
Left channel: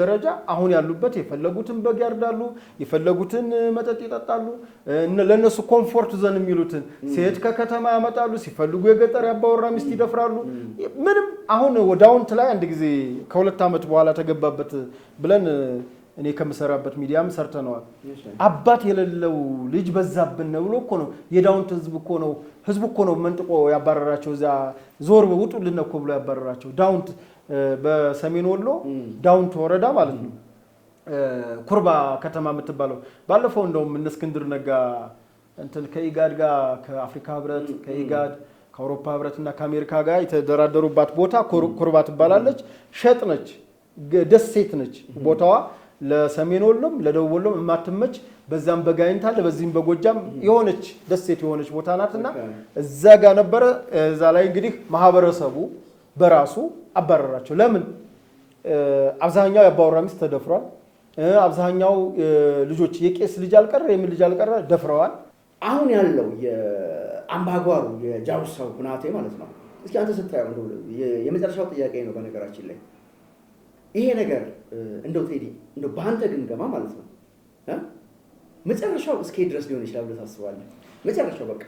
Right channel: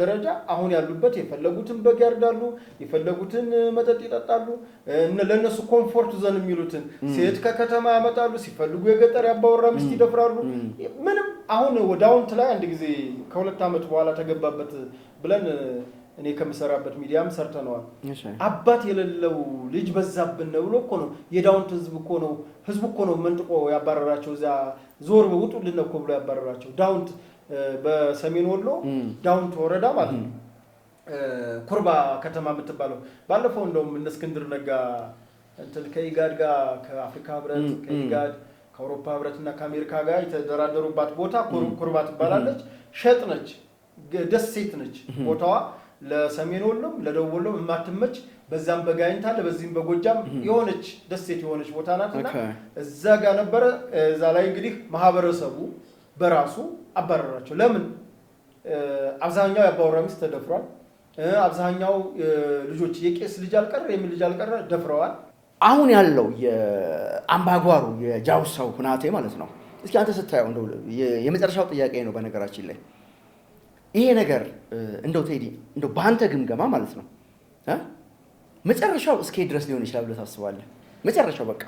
ደረጃ አሁን ያሉበት የፈለጉትን በግ ያርዳሉ፣ የፈለጉትን መጠጥ ይጠጣሉ። ለነሱ ኮምፎርት ዘን የሚሉትን ሴት ከከተማ ያመጣሉ፣ ሲፈልጉ የገጠር ያባወራ ሚስት ይደፍራሉ። ምንም አሁን ወዳውንት ላይ አንድ ጊዜ ከ2 ዓመት በኋላ ተገባበት ብለን እኔ ከምሰራበት ሚዲያም ሰርተነዋል። አባት የሌለው ልጅ በዛብን ብሎ እኮ ነው የዳውንት ህዝብ እኮ ነው መንጥቆ ያባረራቸው። እዛ ዞር ውጡልን እኮ ብሎ ያባረራቸው ዳውንት በሰሜን ወሎ ዳውንት ወረዳ ማለት ነው። ኩርባ ከተማ የምትባለው ባለፈው እንደውም እነ እስክንድር ነጋ እንትን ከኢጋድ ጋር ከአፍሪካ ህብረት ከኢጋድ ከአውሮፓ ህብረትና ከአሜሪካ ጋር የተደራደሩባት ቦታ ኩርባ ትባላለች። ሸጥ ነች፣ ደሴት ነች ቦታዋ። ለሰሜን ወሎም ለደቡብ ወሎም የማትመች በዛም በጋይንታ ለበዚህም በጎጃም የሆነች ደሴት የሆነች ቦታ ናትና እዛ ጋር ነበረ። እዛ ላይ እንግዲህ ማህበረሰቡ በራሱ አባረራቸው። ለምን? አብዛኛው ያባወራ ሚስት ተደፍሯል። አብዛኛው ልጆች የቄስ ልጅ አልቀረ የምን ልጅ አልቀረ ደፍረዋል። አሁን ያለው የአምባጓሩ የጃውሳው ሁናቴ ማለት ነው። እስኪ አንተ ስታየው እንደው የመጨረሻው ጥያቄ ነው በነገራችን ላይ ይሄ ነገር እንደው ቴዲ እንደው በአንተ ግምገማ ማለት ነው መጨረሻው እስከ ድረስ ሊሆን ይችላል ብለህ ታስባለህ? መጨረሻው በቃ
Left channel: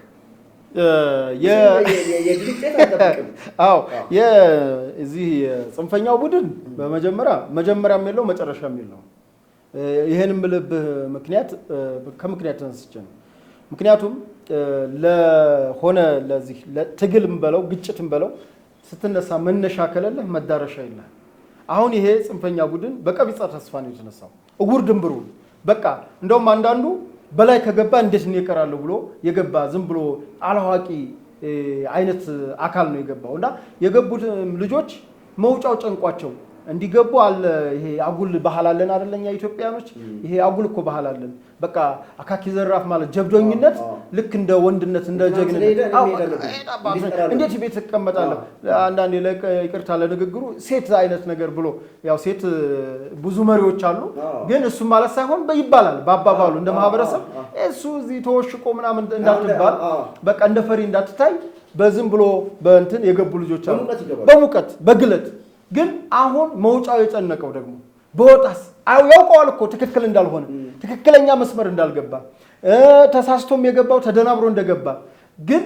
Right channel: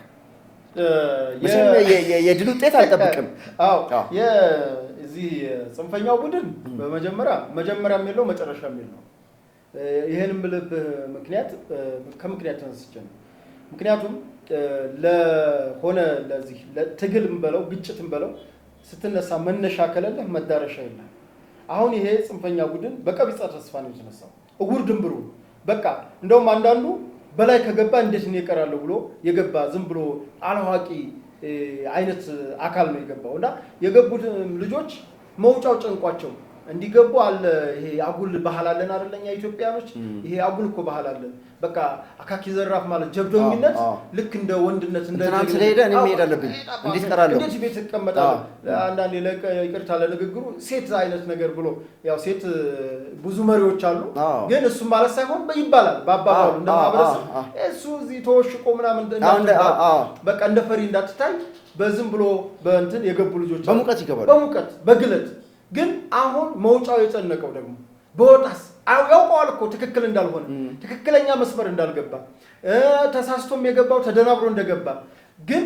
የድል ውጤት አይጠብቅም። አዎ የዚህ ጽንፈኛው ቡድን መጀመሪያም የለው መጨረሻም የለው። ይሄንም ልብህ ከምክንያት ተነስቼ ነው። ምክንያቱም ለሆነ ለዚህ ለትግልም በለው ግጭትም በለው ስትነሳ መነሻ ከሌለህ መዳረሻ የለም። አሁን ይሄ ጽንፈኛ ቡድን በቀቢጸ ተስፋ ነው የተነሳው። እጉር ድንብሩ በቃ እንደውም አንዳንዱ በላይ ከገባ እንዴት ነው ይቀራል ብሎ የገባ ዝም ብሎ አላዋቂ አይነት አካል ነው የገባው እና የገቡት ልጆች መውጫው ጨንቋቸው እንዲገቡ አለ። ይሄ አጉል ባህል አለን አይደለኛ ኢትዮጵያኖች? ይሄ አጉል እኮ ባህል አለን። በቃ አካኪ ዘራፍ ማለት ጀብዶኝነት ልክ እንደ ወንድነት እንደ እንዴት ቤት ተቀመጣለህ? አንዳንዴ ይቅርታ ለንግግሩ ሴት አይነት ነገር ብሎ ያው ሴት ብዙ መሪዎች አሉ፣ ግን እሱ ማለት ሳይሆን ይባላል በአባባሉ እንደ ማህበረሰብ እሱ እዚህ ተወሽቆ ምናምን እንዳትባል በቃ እንደ ፈሪ እንዳትታይ በዝም ብሎ በእንትን የገቡ ልጆች አሉ በሙቀት በግለት። ግን አሁን መውጫው የጨነቀው ደግሞ በወጣስ ያውቀዋል እኮ ትክክል እንዳልሆነ ትክክለኛ መስመር እንዳልገባ ተሳስቶም የገባው ተደናብሮ እንደገባ ግን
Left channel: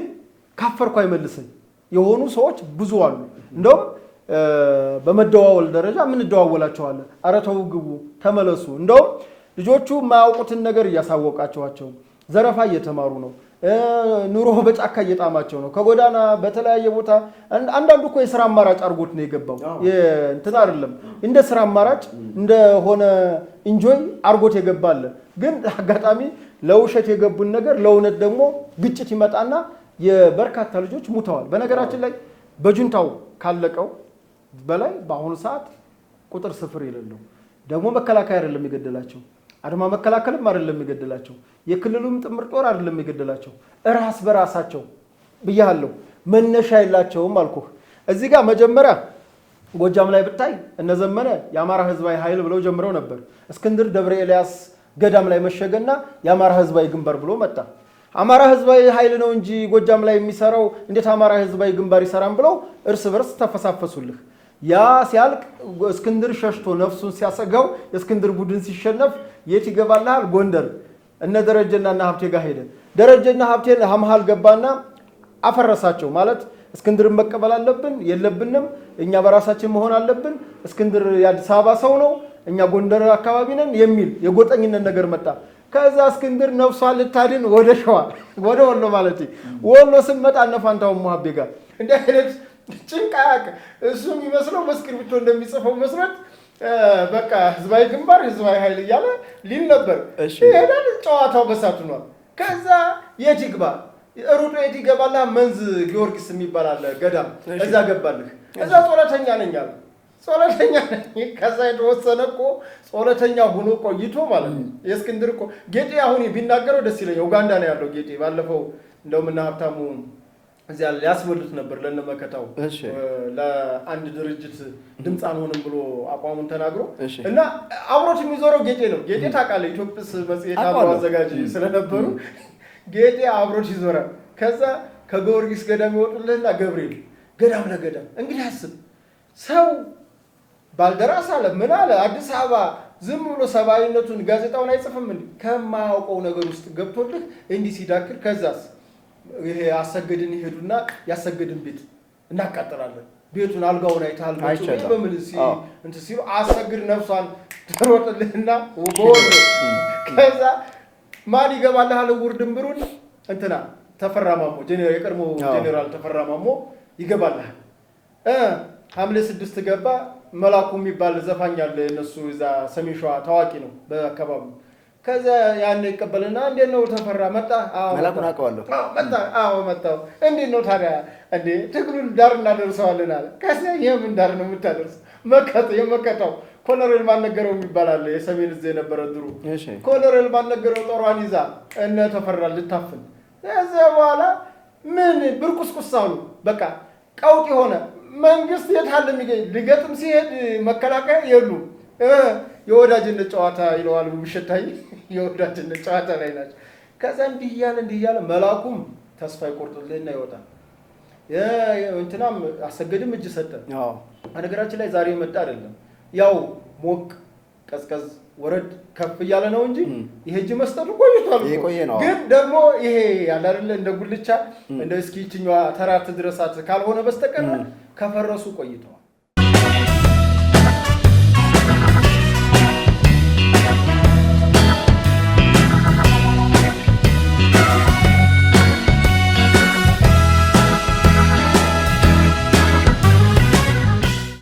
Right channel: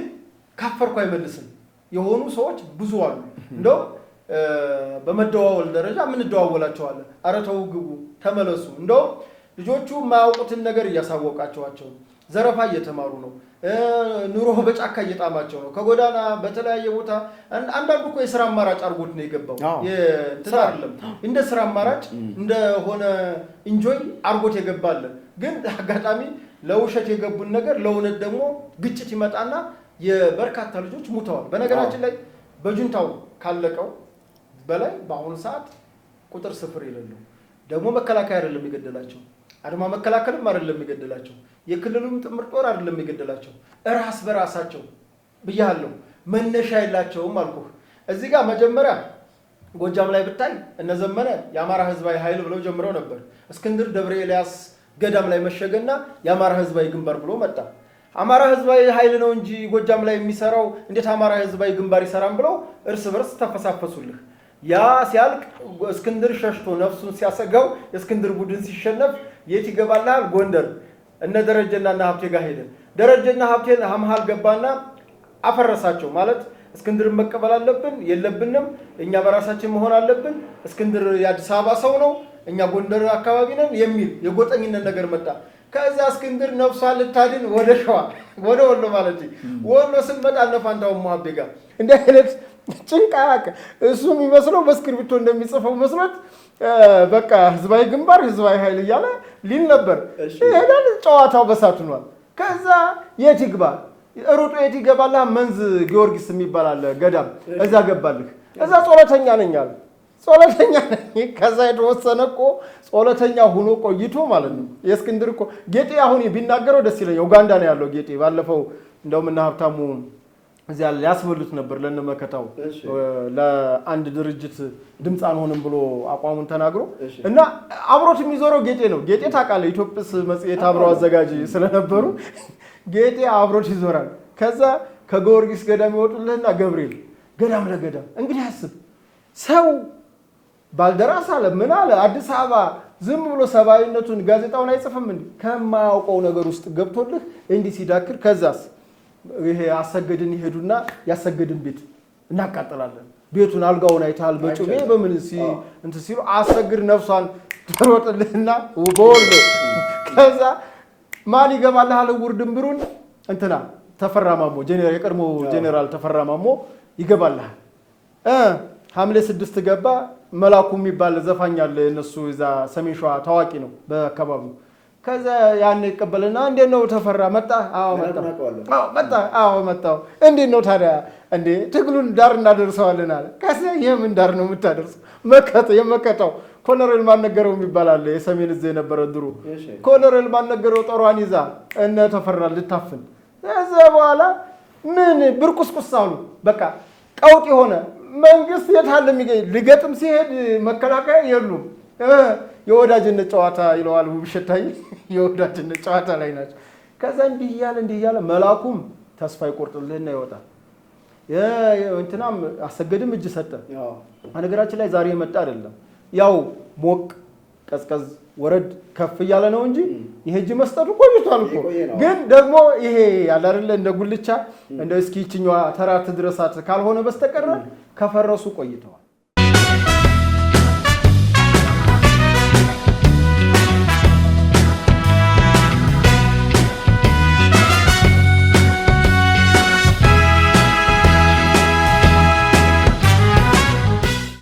ካፈርኩ አይመልስም የሆኑ ሰዎች ብዙ አሉ። እንደውም በመደዋወል ደረጃ ምን እንደዋወላቸዋለን። ኧረ ተው ግቡ ተመለሱ። እንደውም ልጆቹ የማያውቁትን ነገር እያሳወቃቸዋቸው ዘረፋ እየተማሩ ነው። ኑሮ በጫካ እየጣማቸው ነው። ከጎዳና በተለያየ ቦታ አንዳንዱ እኮ የሥራ አማራጭ አድርጎት ነው የገባው። እንትን አይደለም እንደ ሥራ አማራጭ እንደሆነ ኢንጆይ አድርጎት የገባለ። ግን አጋጣሚ ለውሸት የገቡን ነገር ለእውነት ደግሞ ግጭት ይመጣና የበርካታ ልጆች ሙተዋል። በነገራችን ላይ በጁንታው ካለቀው በላይ በአሁኑ ሰዓት ቁጥር ስፍር የሌለው ደግሞ መከላከያ አይደለም የገደላቸው፣ አድማ መከላከልም አይደለም የገደላቸው፣ የክልሉም ጥምር ጦር አይደለም የገደላቸው፣ እራስ በራሳቸው ብያለሁ። መነሻ የላቸውም አልኩህ። እዚህ ጋር መጀመሪያ ጎጃም ላይ ብታይ እነዘመነ የአማራ ህዝባዊ ኃይል ብለው ጀምረው ነበር። እስክንድር ደብረ ኤልያስ ገዳም ላይ መሸገና የአማራ ህዝባዊ ግንባር ብሎ መጣ። አማራ ህዝባዊ ኃይል ነው እንጂ ጎጃም ላይ የሚሰራው እንዴት አማራ ህዝባዊ ግንባር ይሰራም ብለው እርስ በርስ ተፈሳፈሱልህ። ያ ሲያልቅ እስክንድር ሸሽቶ ነፍሱን ሲያሰጋው የእስክንድር ቡድን ሲሸነፍ የት ይገባልሃል? ጎንደር እነ ደረጀና ሀብቴ ጋር ሄደ። ደረጀና ሀብቴ መሃል ገባና አፈረሳቸው። ማለት እስክንድርን መቀበል አለብን የለብንም፣ እኛ በራሳችን መሆን አለብን፣ እስክንድር የአዲስ አበባ ሰው ነው፣ እኛ ጎንደር አካባቢ ነን የሚል የጎጠኝነት ነገር መጣ። ከዛ እስክንድር ነፍሷን ልታድን ወደ ሸዋ ወደ ወሎ ማለት ወሎ ስንመጣ እነ ፋንታው ሙሀቤ ጋር እንዲህ አይነት ጭንቅ አያውቅም። እሱ የሚመስለው በእስክሪብቶ እንደሚጽፈው መስራት በቃ ህዝባዊ ግንባር ህዝባዊ ኃይል እያለ ሊል ነበር። ይሄዳል። ጨዋታው በሳቱ ነው። ከዛ የት ይግባ ሩጦ የት ይገባላ? መንዝ ጊዮርጊስ የሚባል አለ ገዳም፣ እዛ ገባልህ። እዛ ጾለተኛ ነኝ አለ። ጾለተኛ ከዛ የተወሰነ እኮ ጾለተኛ ሆኖ ቆይቶ ማለት ነው። የእስክንድር እኮ ጌጤ አሁን ቢናገረው ደስ ይለኛል። ኡጋንዳ ነው ያለው ጌጤ። ባለፈው እንደውም እና ሀብታሙ እዚያ ሊያስበሉት ነበር ለነመከታው ለአንድ ድርጅት ድምፅ አንሆንም ብሎ አቋሙን ተናግሮ እና አብሮት የሚዞረው ጌጤ ነው። ጌጤ ታውቃለህ፣ ኢትዮጲስ መጽሔት አብሮ አዘጋጅ ስለነበሩ ጌጤ አብሮት ይዞራል። ከዛ ከጊዮርጊስ ገዳም ይወጡልህና ገብርኤል ገዳም ለገዳም እንግዲህ አስብ ሰው ባልደራስ አለ ምን አለ አዲስ አበባ ዝም ብሎ ሰብአዊነቱን ጋዜጣውን አይጽፍም እንዴ? ከማያውቀው ነገር ውስጥ ገብቶልህ እንዲህ ሲዳክር ከዛስ ይሄ አሰገድን ይሄዱና ያሰገድን ቤት እናቃጥላለን። ቤቱን አልጋውን አይታል በጭሜ በምን እንት ሲሉ አሰግድ ነፍሷን ተሮጥልህና ወጎል ከዛ ማን ይገባልሃል? ውርድምብሩን እንትና ተፈራማሞ ጄኔራል የቀድሞ ጄኔራል ተፈራማሞ ይገባልሃል። ሐምሌ 6 ገባ። መላኩ የሚባል ዘፋኝ አለ እነሱ እዛ ሰሜን ሸዋ ታዋቂ ነው በአካባቢው። ከዛ ያን ይቀበልና እንዴት ነው ተፈራ መጣ? አዎ መጣ። አዎ መጣው። እንዴት ነው ታዲያ? እንዴ ትግሉን ዳር እናደርሰዋለን አለ። ከዛ የምን ዳር ነው የምታደርሰው? የመከታው ኮሎኔል ማነገረው የሚባል አለ የሰሜን እዝ የነበረ ድሩ። ኮሎኔል ማነገረው ጦሯን ይዛ እነ ተፈራ ልታፍን። ከዛ በኋላ ምን ብርቁስቁስ አሉ። በቃ ቀውጥ የሆነ መንግስት የታለ የሚገኝ ልገጥም ሲሄድ መከላከያ የሉም። የወዳጅነት ጨዋታ ይለዋል ብሸታይ የወዳጅነት ጨዋታ ላይ ናቸው። ከዛ እንዲህ እያለ መላኩም ተስፋ ይቆርጥልህና ይወጣል። እንትናም አሰገድም እጅ ሰጠ። በነገራችን ላይ ዛሬ የመጣ አይደለም። ያው ሞቅ ቀዝቀዝ ወረድ ከፍ እያለ ነው እንጂ ይሄ እጅ መስጠት ቆይቷል። ግን ደግሞ ይሄ ያለ አይደለ እንደ ጉልቻ እንደ እስኪ ይችኛዋ ተራት ድረሳት ካልሆነ በስተቀር ከፈረሱ ቆይተዋል።